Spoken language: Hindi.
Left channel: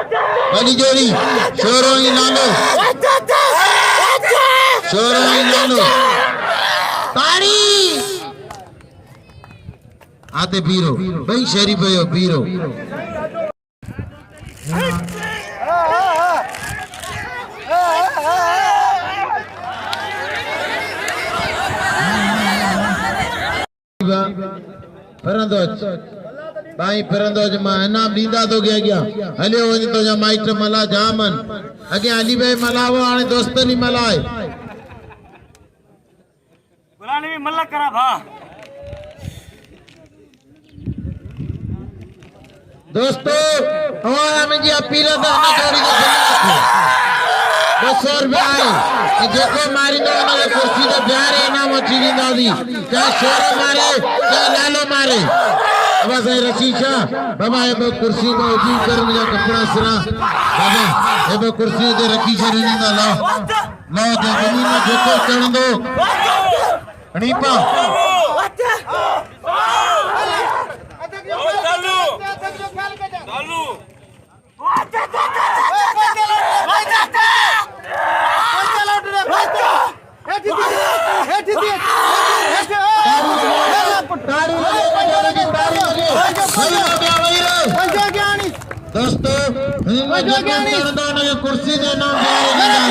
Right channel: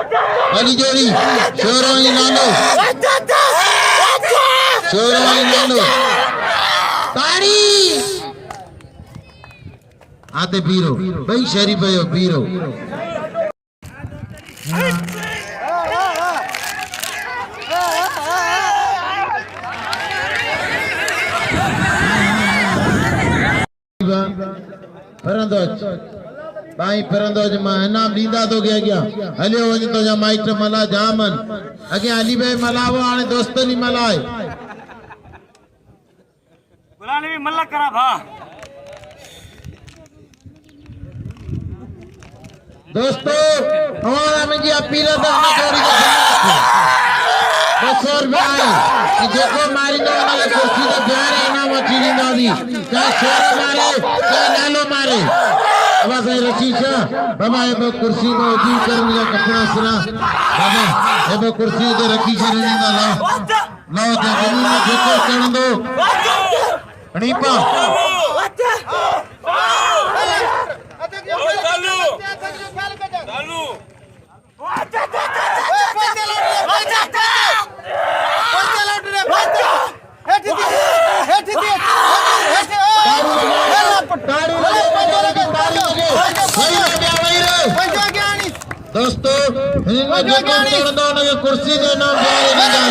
वाली जोड़ी शोरोनी नानो तारी आते पीरो भाई शरीफ है पीरो फरंदोज भाई फरंदोज मां इनाम दीदा तो गया हलियो वञ तो जा माइट मला जामन अगे अली भाई मलावो हाणे दोस्तनी मलाए बुलाने भी मल्ला करा भा दोस्तों हमारा में जी अपील था जोड़ी के 200 रुपया आए कि जेको मारी दो वाले कुर्सी तो प्यार इनाम अची दी क्या शोर मारे क्या लालो मारे अब से रशीशा बाबा ये कुर्सी में उठी कर मुझे कपड़ा सिरा बाबा ये कुर्सी ते रखी करने का ला नो तो जमीन में जेको कर दो रीपा चालू चालू दोस्तों कुर्सी के नाम लालो